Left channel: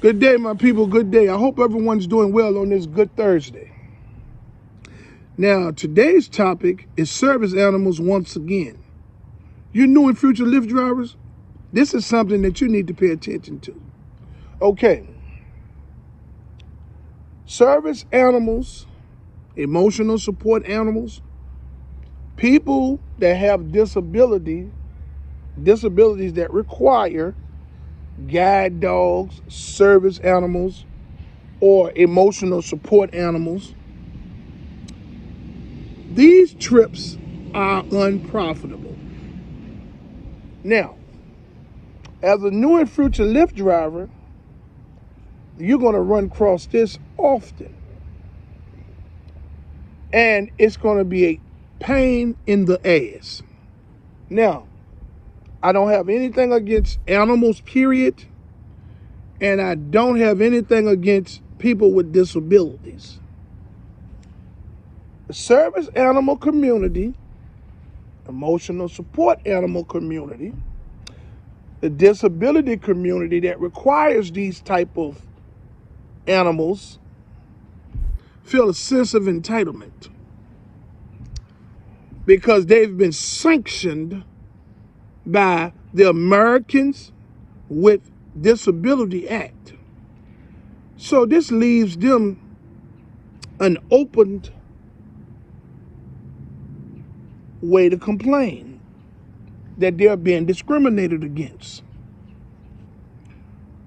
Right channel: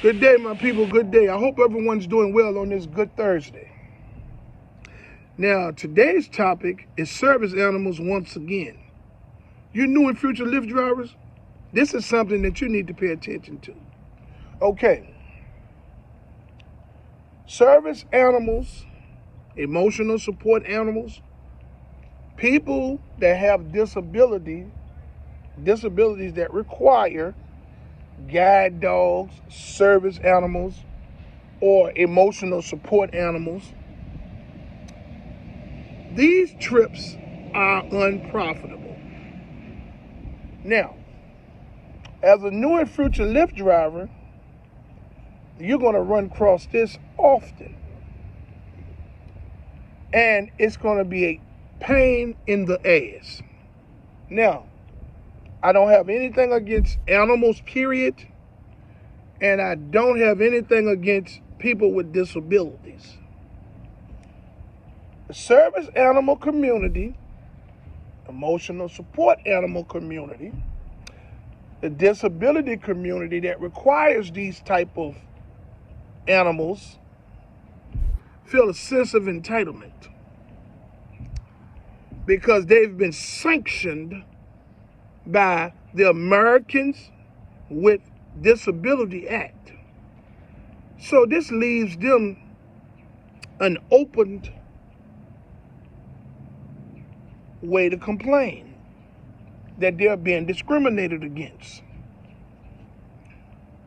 Good day, my people. Good day. I hope everyone's doing well on this good Thursday. Now, today's topic is service animals once again. You new and future Lyft drivers, this is something that you need to pay attention to. Okay. Service animals, emotional support animals, people that have disabilities that require guide dogs, service animals, or emotional support animals. These trips are unprofitable. Now, as a new and future Lyft driver, you're going to run across this often. And it's going to be a pain in the ass. Now, I don't have anything against animals, period. And I don't have anything against people with disabilities. The service animal community, emotional support animal community, the disability community that requires these type of animals feel a sense of entitlement because they've been sanctioned by the Americans with Disability Act. So this leaves them an open way to complain that they're being discriminated against.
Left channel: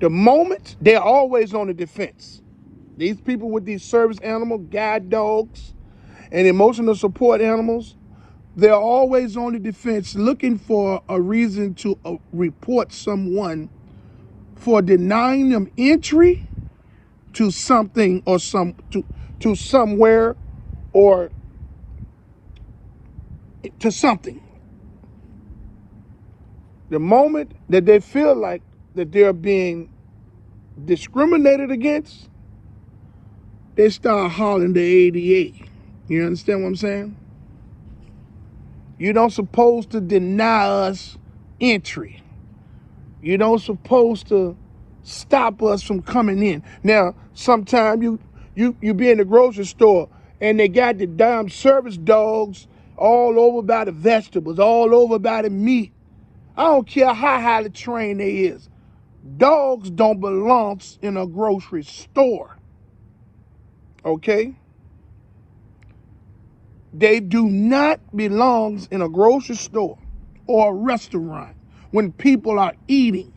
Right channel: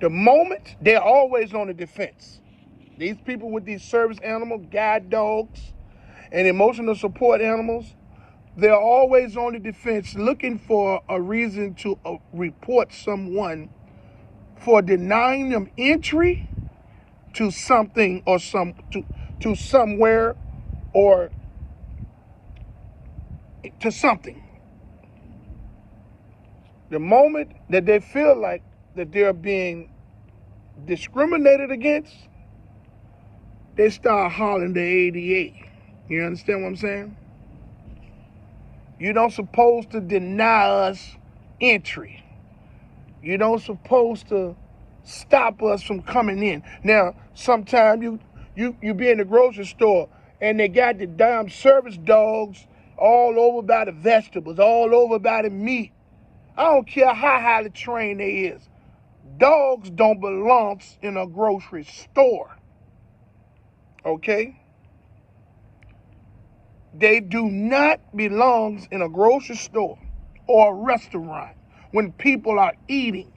The moment, they're always on the defense. These people with these service animal, guide dogs, and emotional support animals, they're always on the defense looking for a reason to report someone for denying them entry to something or to somewhere or to something. The moment that they feel like that they're being discriminated against, they start hollering the ADA. You understand what I'm saying? You don't supposed to deny us entry. You don't supposed to stop us from coming in. Now, sometimes you be in the grocery store and they got the damn service dogs all over by the vegetables, all over by the meat. I don't care how highly trained they is. Dogs don't belong in a grocery store. Okay? They do not belong in a grocery store or a restaurant when people are eating.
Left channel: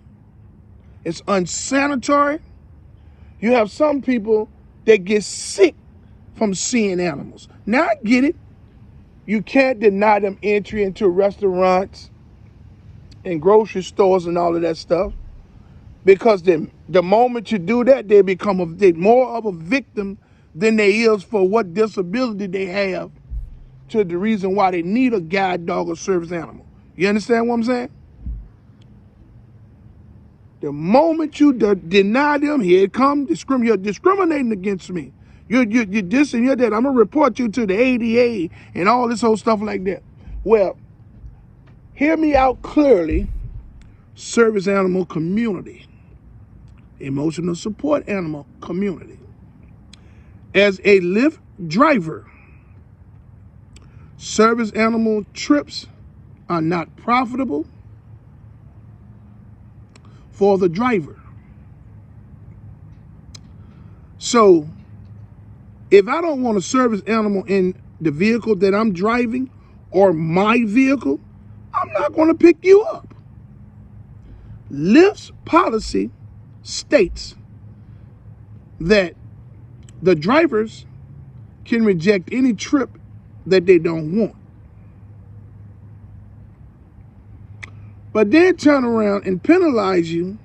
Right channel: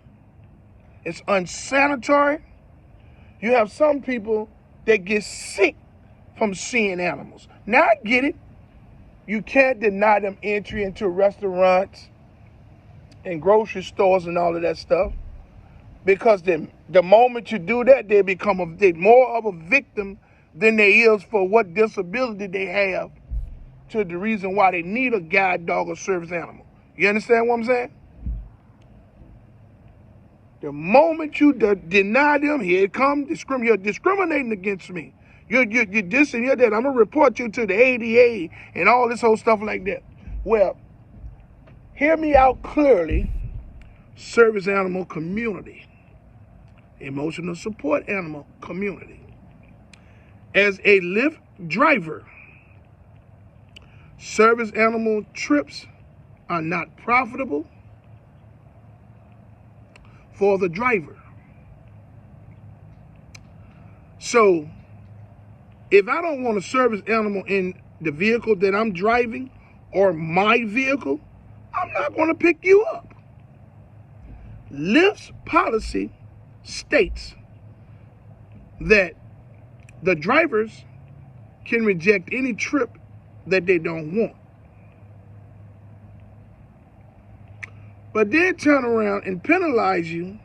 It's unsanitary. You have some people that get sick from seeing animals. Now I get it. You can't deny them entry into restaurants and grocery stores and all of that stuff, because the moment you do that, they become they're more of a victim than they is for what disability they have to the reason why they need a guide dog or service animal. You understand what I'm saying? The moment you deny them, here it comes, you're discriminating against me. You're this and you're that. I'm going to report you to the ADA and all this whole stuff like that. Well, hear me out clearly, service animal community, emotional support animal community. As a Lyft driver, service animal trips are not profitable for the driver. So, if I don't want a service animal in the vehicle that I'm driving or my vehicle, I'm not going to pick you up. Lyft's policy states that the drivers can reject any trip that they don't want. But then turn around and penalize you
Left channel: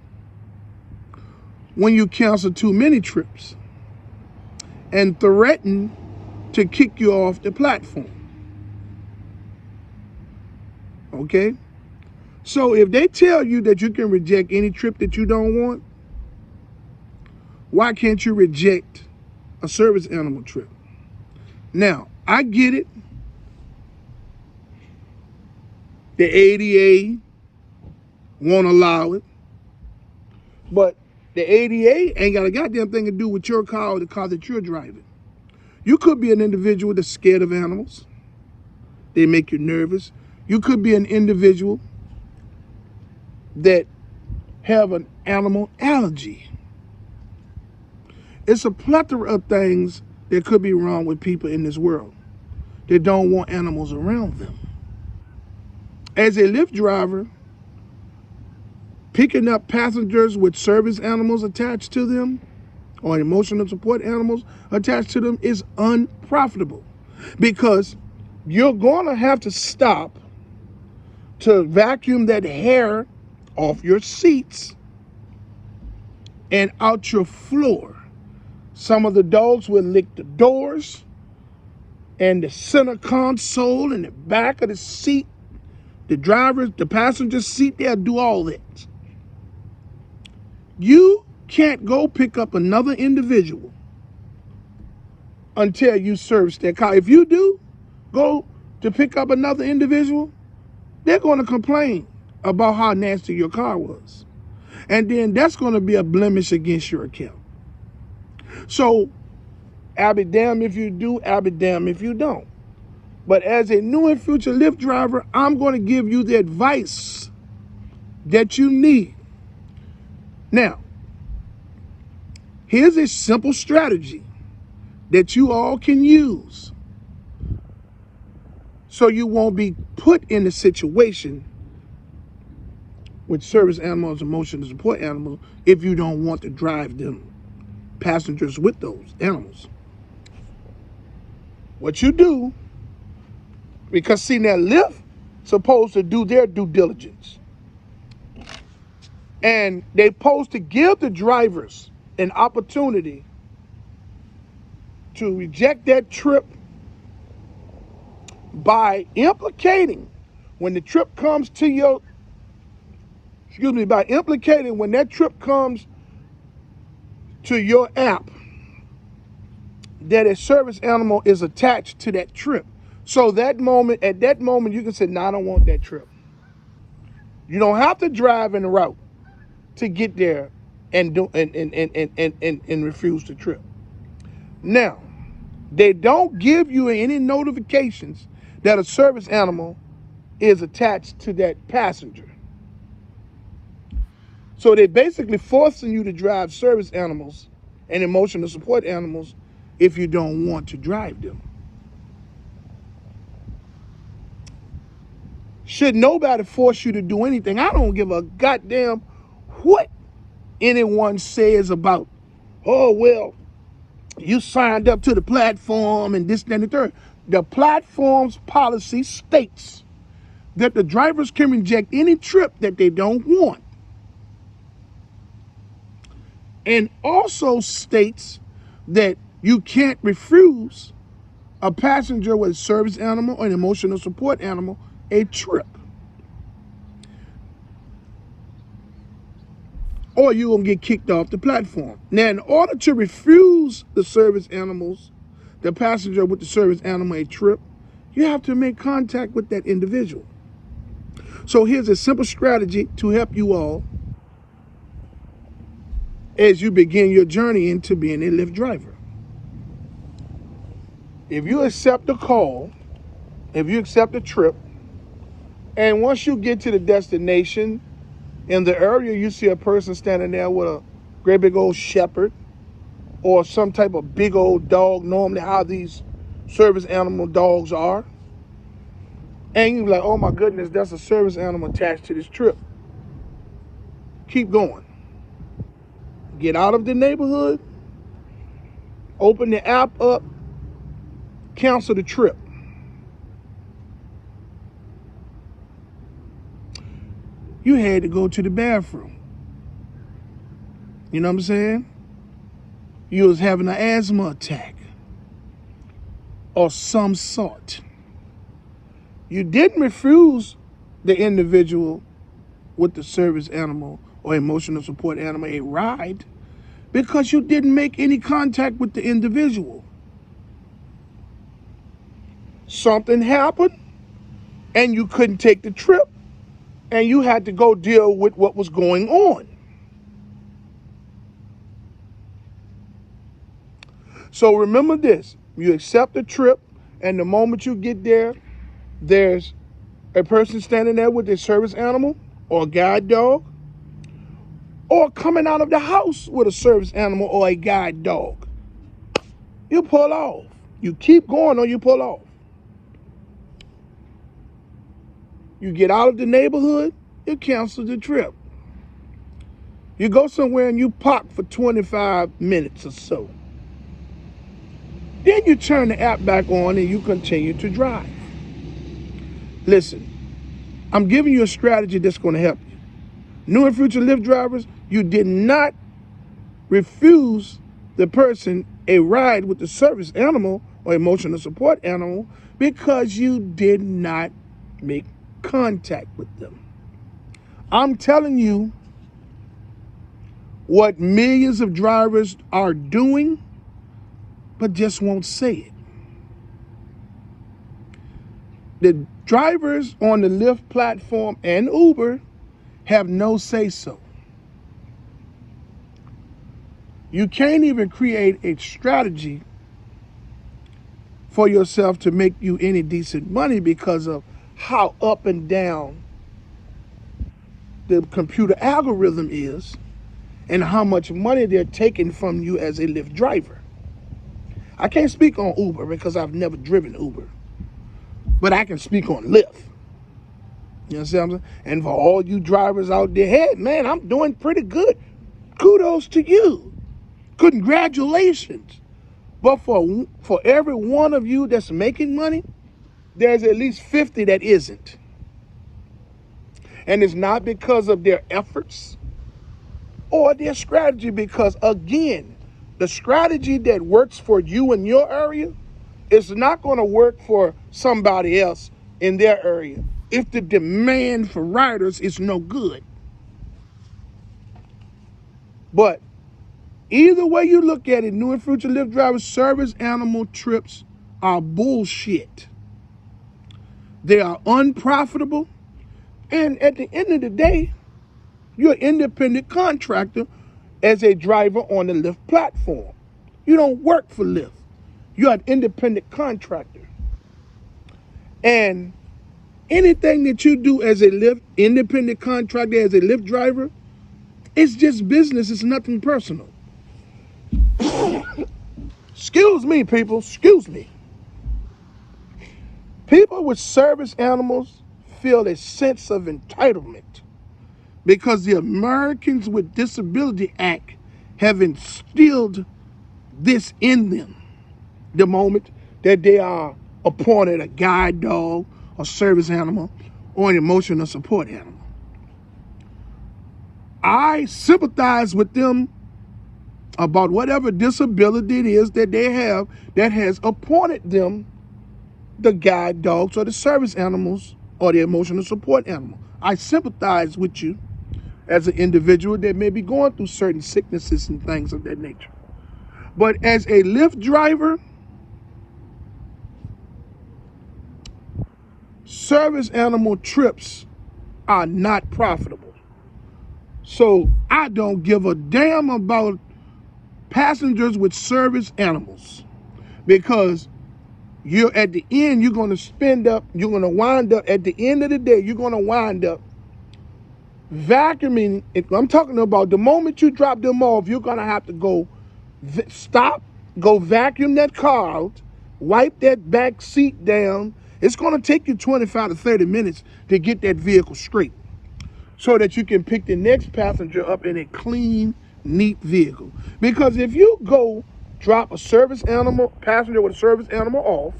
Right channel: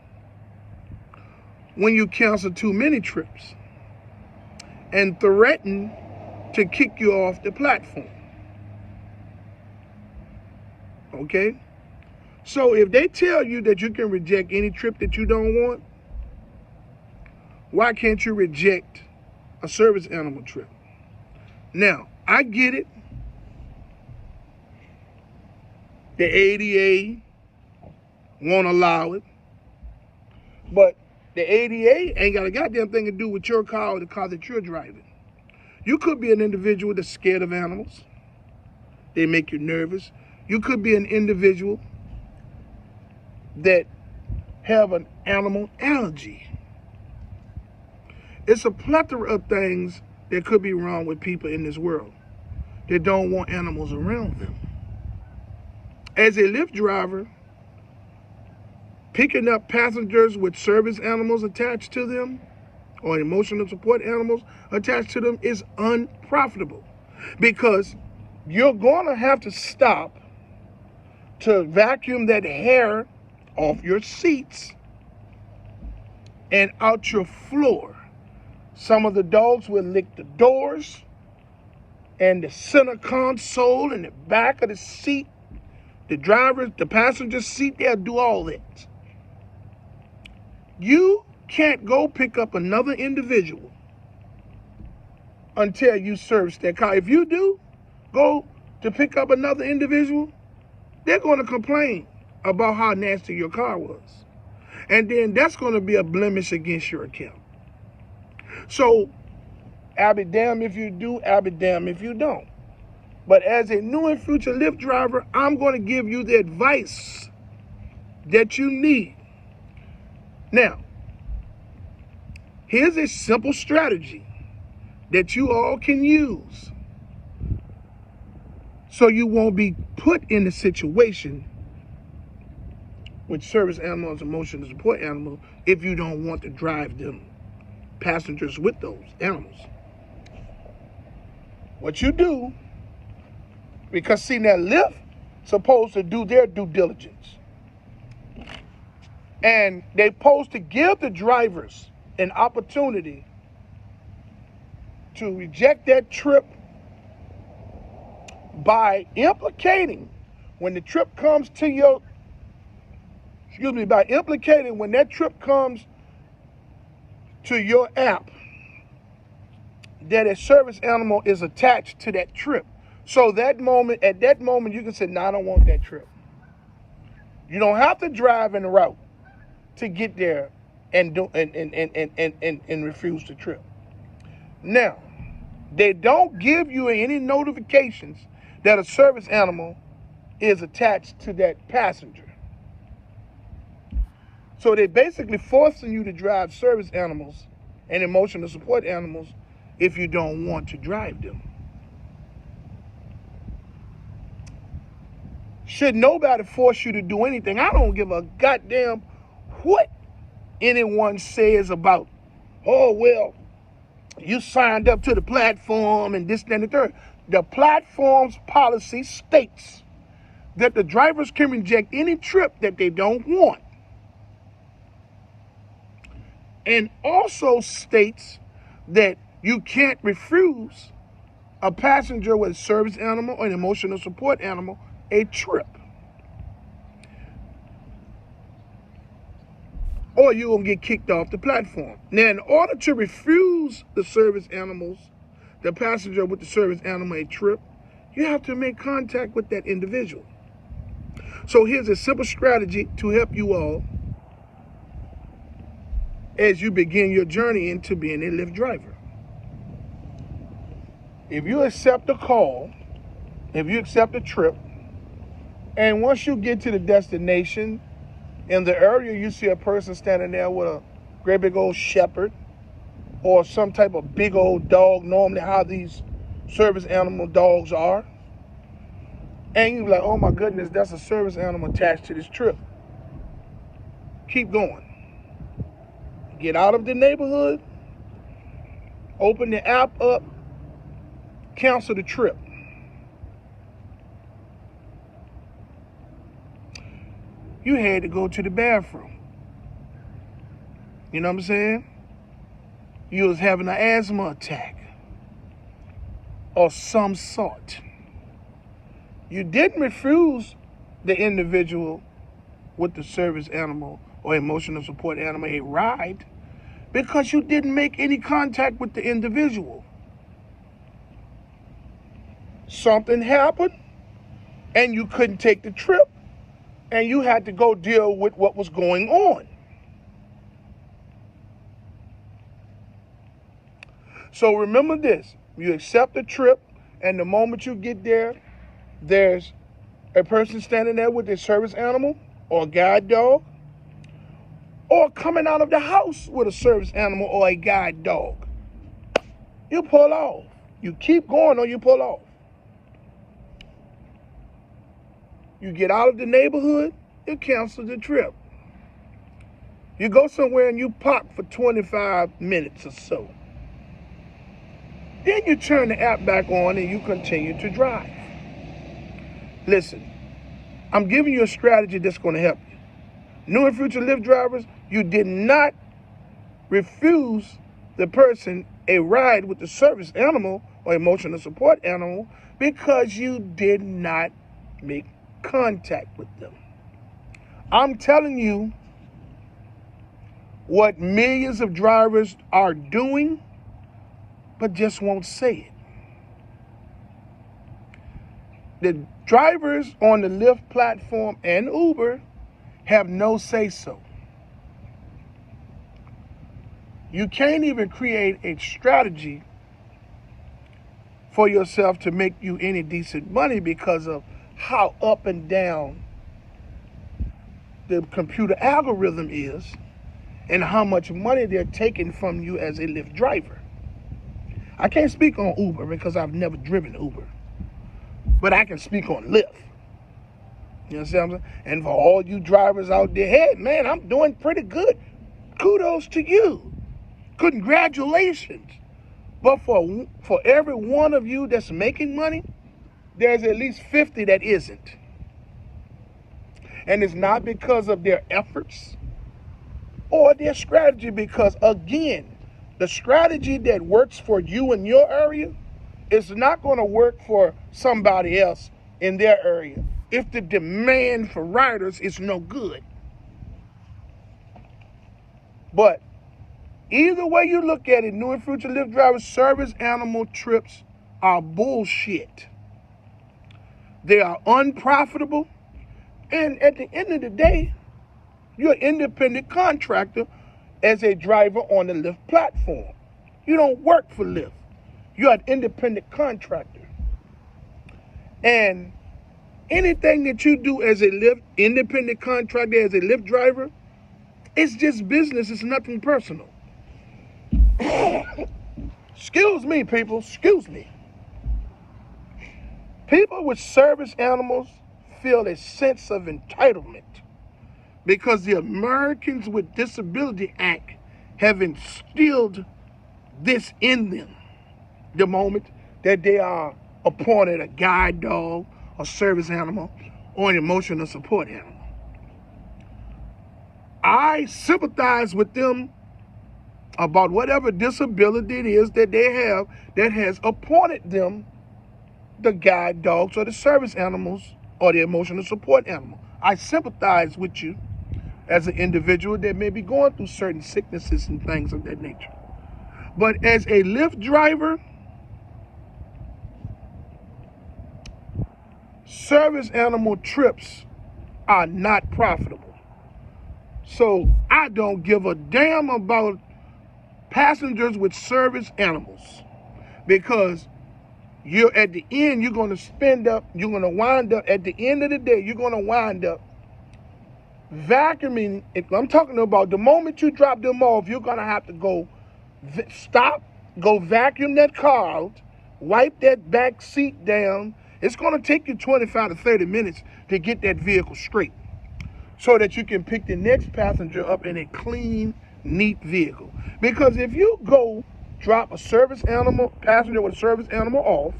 when you cancel too many trips and threaten to kick you off the platform. Okay? So if they tell you that you can reject any trip that you don't want, why can't you reject a service animal trip? Now, I get it. The ADA won't allow it. But The ADA ain't got a goddamn thing to do with your car or the car that you're driving. You could be an individual that's scared of animals. They make you nervous. You could be an individual that have an animal allergy. It's a plethora of things that could be wrong with people in this world that don't want animals around them. As a Lyft driver, picking up passengers with service animals attached to them or emotional support animals attached to them is unprofitable, because you're going to have to stop to vacuum that hair off your seats and out your floor. Some of the dogs will lick the doors and the center console and the back of the seat. The passenger seat, they'll do all that. You can't go pick up another individual until you service their car. If you do go to pick up another individual, they're going to complain about how nasty your car was. And then that's going to be a blemish against your account. So, I'll be damned if you do, I'll be damned if you don't. But as a new and future Lyft driver, I'm going to give you the advice that you need. Now, here's a simple strategy that you all can use so you won't be put in a situation with service animals, emotional support animals, if you don't want to drive them passengers with those animals. What you do, because see, now Lyft supposed to do their due diligence, and they supposed to give the drivers an opportunity to reject that trip by implicating when the trip comes to your, by implicating when that trip comes to your app that a service animal is attached to that trip. So at that moment, you can say, no, I don't want that trip. You don't have to drive en route to get there and refuse the trip. Now, they don't give you any notifications that a service animal is attached to that passenger. So they're basically forcing you to drive service animals and emotional support animals if you don't want to drive them. Should nobody force you to do anything. I don't give a goddamn what anyone says about, oh, well, you signed up to the platform and this, that, and the third. The platform's policy states that the drivers can reject any trip that they don't want. And also states that you can't refuse a passenger with a service animal or an emotional support animal a trip, or you're going to get kicked off the platform. Now, in order to refuse the service animals, the passenger with the service animal a trip, you have to make contact with that individual. So here's a simple strategy to help you all as you begin your journey into being a Lyft driver. If you accept a call, if you accept a trip, and once you get to the destination, in the area you see a person standing there with a great big old shepherd or some type of big old dog, normally how these service animal dogs are, and you're like, oh my goodness, that's a service animal attached to this trip. Keep going. Get out of the neighborhood, open the app up, cancel the trip. You had to go to the bathroom. You know what I'm saying? You was having an asthma attack of some sort. You didn't refuse the individual with the service animal or emotional support animal a ride because you didn't make any contact with the individual. Something happened and you couldn't take the trip, and you had to go deal with what was going on. So remember this, you accept the trip, and the moment you get there, there's a person standing there with their service animal or a guide dog, or coming out of the house with a service animal or a guide dog. You pull off. You keep going or you pull off. You get out of the neighborhood, you cancel the trip. You go somewhere and you park for 25 minutes or so. Then you turn the app back on and you continue to drive. Listen, I'm giving you a strategy that's going to help you. New and future Lyft drivers, you did not refuse the person a ride with the service animal or emotional support animal because you did not make contact with them. I'm telling you what millions of drivers are doing, but just won't say it. The drivers on the Lyft platform and Uber have no say-so. You can't even create a strategy for yourself to make you any decent money because of how up and down the computer algorithm is and how much money they're taking from you as a Lyft driver. I can't speak on Uber because I've never driven Uber, but I can speak on Lyft. You know what I'm saying? And for all you drivers out there, hey man, I'm doing pretty good. Kudos to you. Congratulations. But for every one of you that's making money, there's at least 50 that isn't. And it's not because of their efforts or their strategy, because again, the strategy that works for you in your area is not going to work for somebody else in their area if the demand for riders is no good. But either way you look at it, new and future Lyft drivers, service animal trips are bullshit. They are unprofitable. And at the end of the day, you're an independent contractor as a driver on the Lyft platform. You don't work for Lyft. You're an independent contractor. And anything that you do as a Lyft independent contractor, as a Lyft driver, it's just business. It's nothing personal. Excuse me, people. Excuse me. People with service animals feel a sense of entitlement because the Americans with Disability Act have instilled this in them the moment that they are appointed a guide dog, a service animal, or an emotional support animal. I sympathize with them about whatever disability it is that they have that has appointed them the guide dogs or the service animals or the emotional support animal. I sympathize with you as an individual that may be going through certain sicknesses and things of that nature. But as a Lyft driver, service animal trips are not profitable. So I don't give a damn about passengers with service animals, because you're at the end, you're going to wind up, at the end of the day, you're going to wind up vacuuming. I'm talking about the moment you drop them off, you're going to have to go go vacuum that car out, wipe that back seat down. It's going to take you 25 to 30 minutes to get that vehicle straight so that you can pick the next passenger up in a clean, neat vehicle. Because if you go drop a service animal, passenger with a service animal off,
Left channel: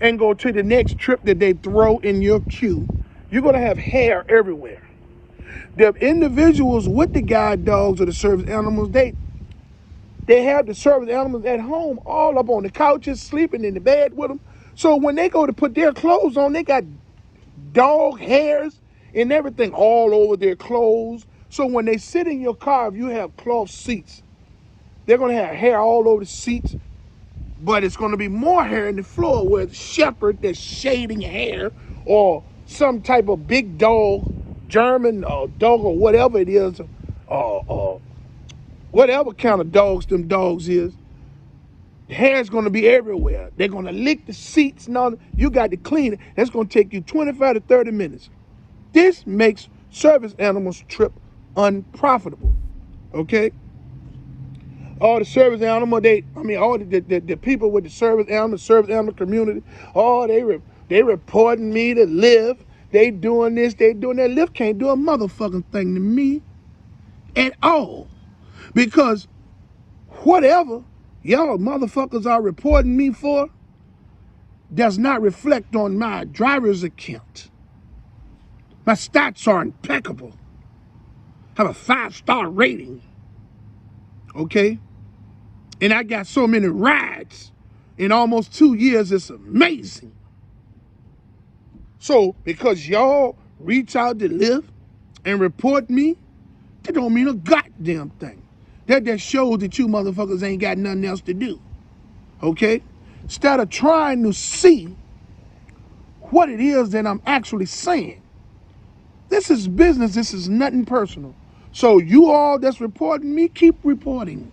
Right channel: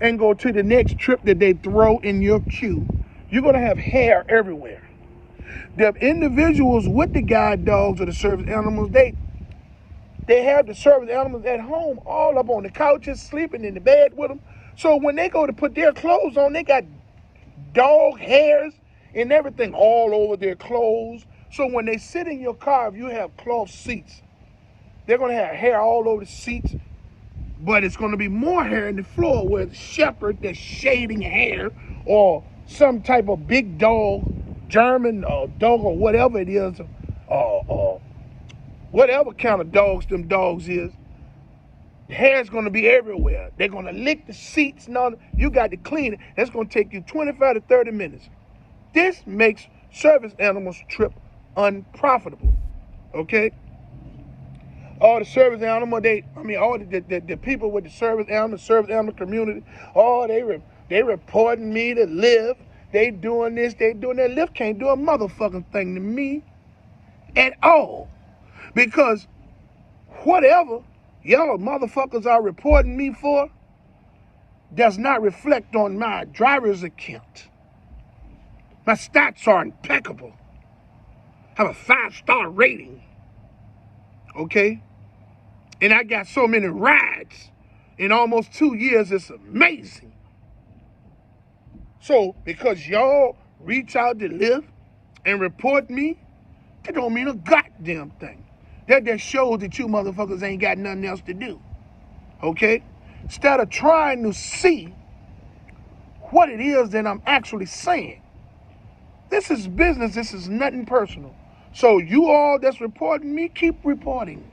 and go to the next trip that they throw in your queue, you're going to have hair everywhere. The individuals with the guide dogs or the service animals, they have the service animals at home, all up on the couches, sleeping in the bed with them. So when they go to put their clothes on, they got dog hairs and everything all over their clothes. So when they sit in your car, if you have cloth seats, they're going to have hair all over the seats, but it's going to be more hair in the floor where the shepherd that's shading hair, or some type of big dog, German or dog or whatever it is, whatever kind of dogs them dogs is, The hair's going to be everywhere. They're going to lick the seats and all. You got to clean it. That's going to take you 25 to 30 minutes. This makes service animals trip unprofitable. Okay? All the service animal, all the people with the service animal community, they reporting me to Lyft. They doing this, they doing that. Lyft can't do a motherfucking thing to me at all. Because whatever y'all motherfuckers are reporting me for does not reflect on my driver's account. My stats are impeccable. I have a 5-star rating. Okay? And I got so many rides in almost 2 years, it's amazing. So, because y'all reach out to Lyft and report me, that don't mean a goddamn thing. That just shows that you motherfuckers ain't got nothing else to do. Okay? Instead of trying to see what it is that I'm actually saying. This is business, this is nothing personal. So you all that's reporting me, keep reporting.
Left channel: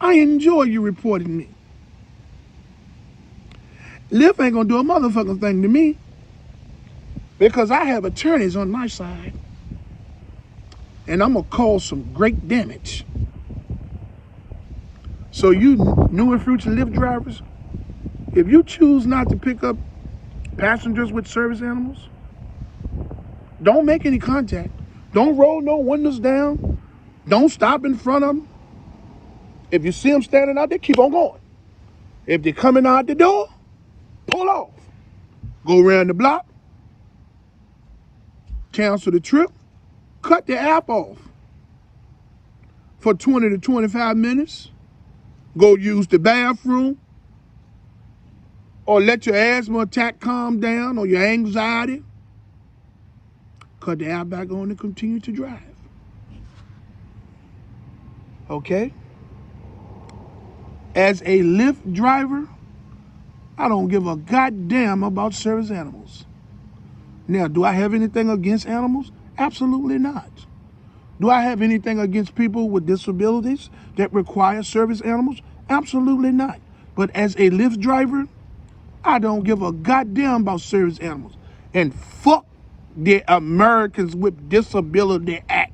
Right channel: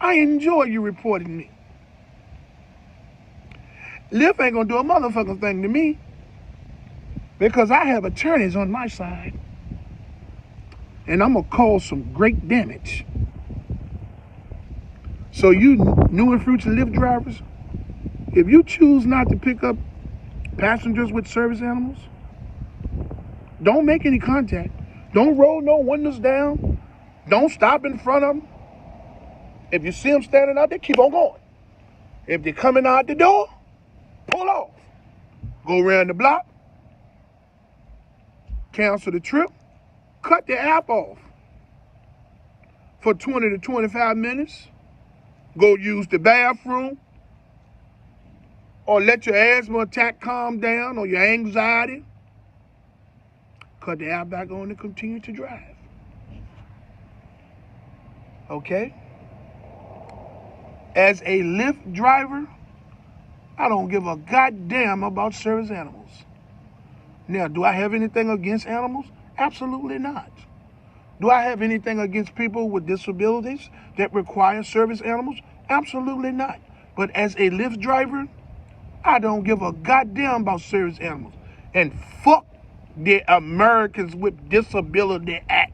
I enjoy you reporting me. Lyft ain't gonna do a motherfucking thing to me because I have attorneys on my side and I'm gonna cause some great damage. So you new and future Lyft drivers, if you choose not to pick up passengers with service animals, don't make any contact. Don't roll no windows down. Don't stop in front of them. If you see them standing out there, keep on going. If they're coming out the door, pull off. Go around the block. Cancel the trip. Cut the app off for 20 to 25 minutes. Go use the bathroom. Or let your asthma attack calm down or your anxiety. Cut the app back on and continue to drive. Okay? As a Lyft driver, I don't give a goddamn about service animals. Now, do I have anything against animals? Absolutely not. Do I have anything against people with disabilities that require service animals? Absolutely not. But as a Lyft driver, I don't give a goddamn about service animals. And fuck the Americans with Disability Act.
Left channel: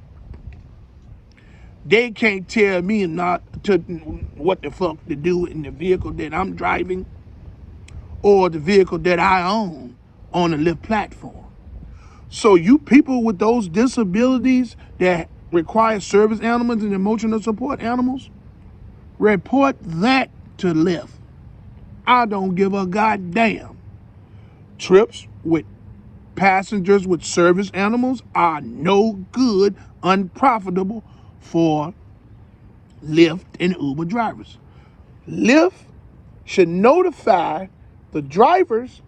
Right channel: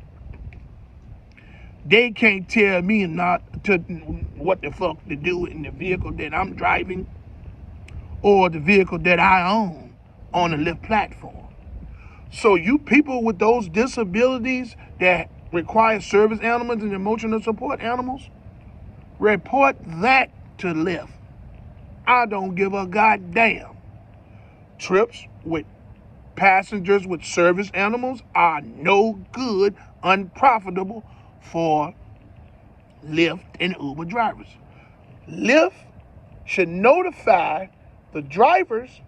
They can't tell me not to what the fuck to do in the vehicle that I'm driving or the vehicle that I own on the Lyft platform. So you people with those disabilities that require service animals and emotional support animals, report that to Lyft. I don't give a goddamn. Trips with passengers with service animals are no good, unprofitable for Lyft and Uber drivers. Lyft should notify the drivers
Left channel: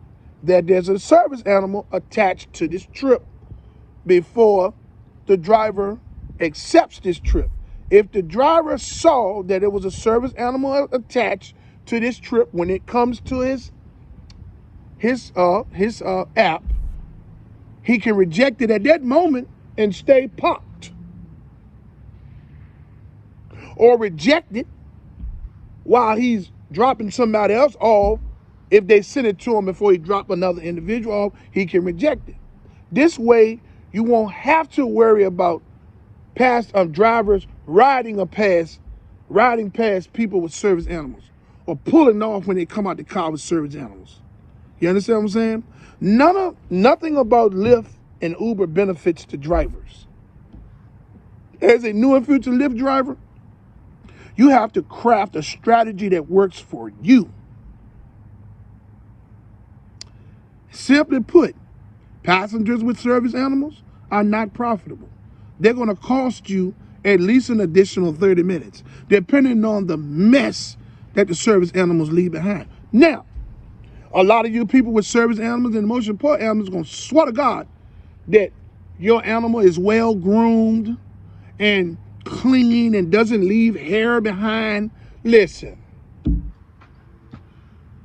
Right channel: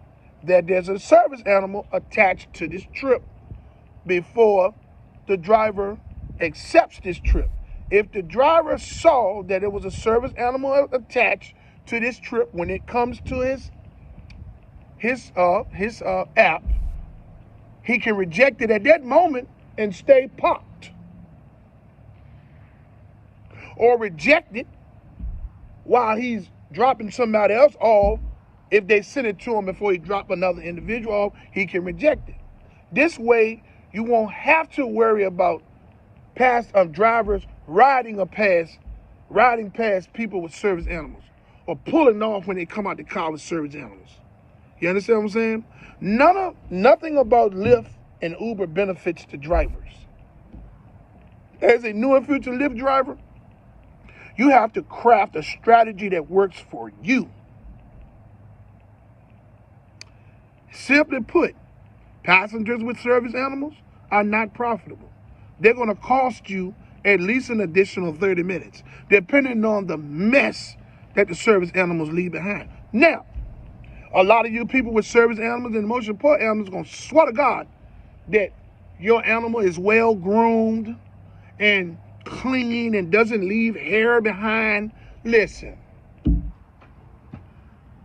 that there's a service animal attached to this trip before the driver accepts this trip. If the driver saw that it was a service animal attached to this trip when it comes to his app, he can reject it at that moment and stay parked. Or reject it while he's dropping somebody else off. If they send it to him before he drop another individual off, he can reject it. This way, you won't have to worry about drivers riding past people with service animals or pulling off when they come out the car with service animals. You understand what I'm saying? Nothing about Lyft and Uber benefits the drivers. As a new and future Lyft driver, you have to craft a strategy that works for you. Simply put, passengers with service animals are not profitable. They're going to cost you at least an additional 30 minutes, depending on the mess that the service animals leave behind. Now, a lot of you people with service animals and emotional support animals are going to swear to God that your animal is well groomed and clean and doesn't leave hair behind. Listen,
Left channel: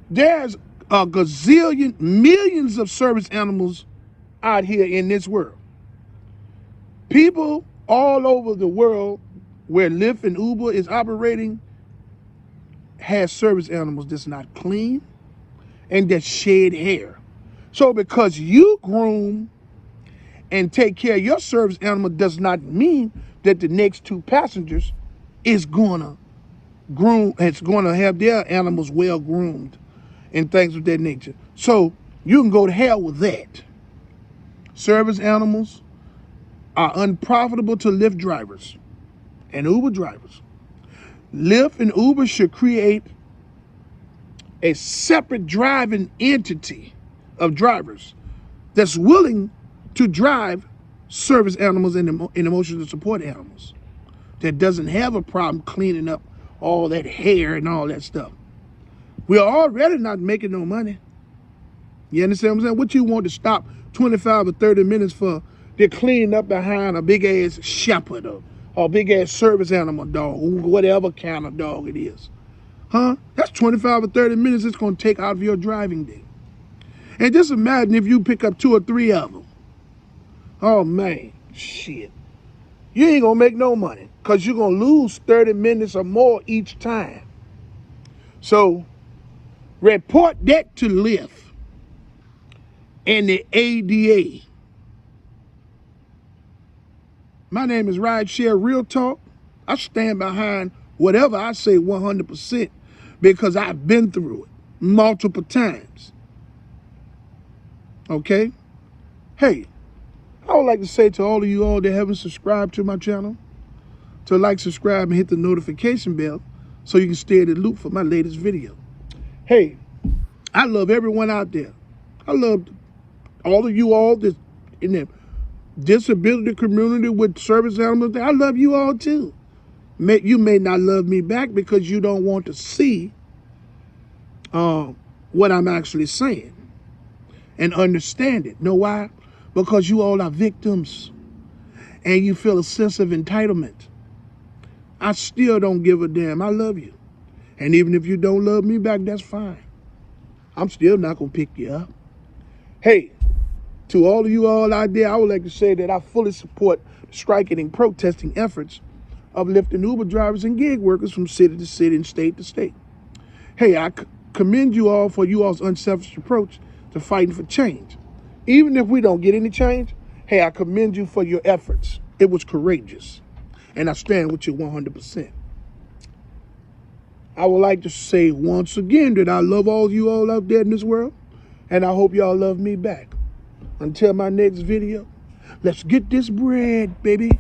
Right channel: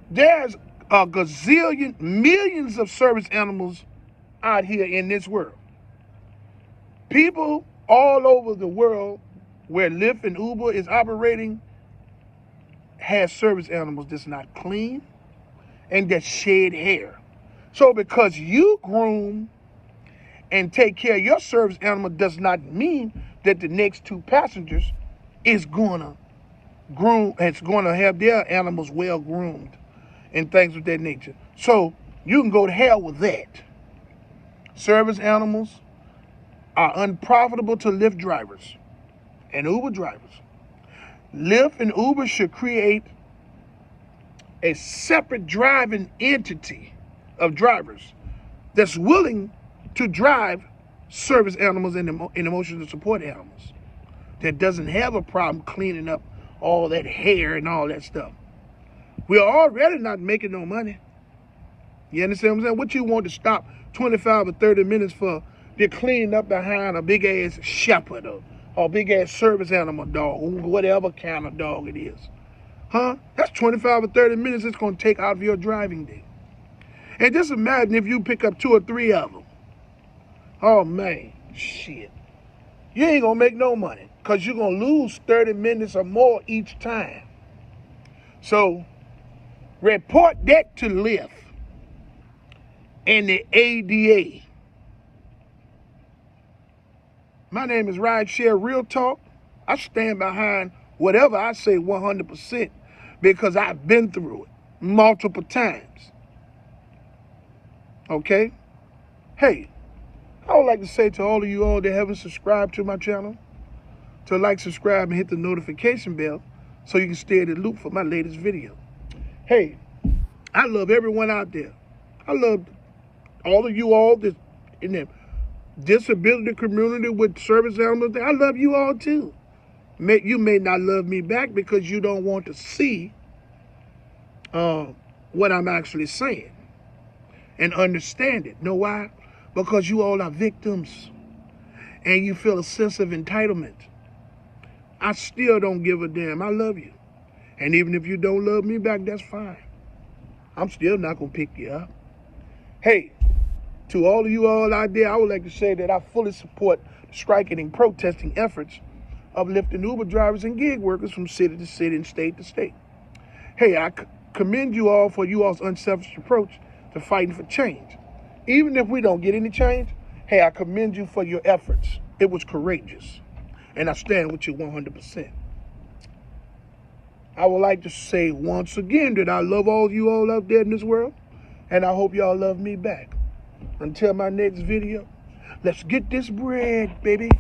there's a gazillion, millions of service animals out here in this world. People all over the world where Lyft and Uber is operating has service animals that's not clean and that shed hair. So because you groom and take care of your service animal does not mean that the next two passengers is gonna have their animals well groomed and things of that nature. So you can go to hell with that. Service animals are unprofitable to Lyft drivers and Uber drivers. Lyft and Uber should create a separate driving entity of drivers that's willing to drive service animals and emotional support animals that doesn't have a problem cleaning up all that hair and all that stuff. We're already not making no money. You understand what I'm saying? What you want to stop 25 or 30 minutes for? They're cleaning up behind a big ass shepherd or big ass service animal dog, whatever kind of dog it is. Huh? That's 25 or 30 minutes it's going to take out of your driving day. And just imagine if you pick up 2 or 3 of them. Oh man, shit. You ain't going to make no money because you're going to lose 30 minutes or more each time. So report that to Lyft and the ADA. My name is Rideshare RealTalk. I stand behind whatever I say 100% because I've been through it multiple times. Okay? Hey, I would like to say to all of you all that haven't subscribed to my channel, to like, subscribe, and hit the notification bell so you can stay in the loop for my latest video. Hey, I love everyone out there. I love all of you all that's in the disability community with service animals. I love you all too. You may not love me back because you don't want to see what I'm actually saying and understand it. Know why? Because you all are victims and you feel a sense of entitlement. I still don't give a damn. I love you. And even if you don't love me back, that's fine. I'm still not going to pick you up. Hey, to all of you all out there, I would like to say that I fully support the striking and protesting efforts of Lyft and Uber drivers and gig workers from city to city and state to state. Hey, I commend you all for you all's unselfish approach to fighting for change. Even if we don't get any change, hey, I commend you for your efforts. It was courageous. And I stand with you 100%. I would like to say once again that I love all you all out there in this world, and I hope y'all love me back. Until my next video, let's get this bread, baby.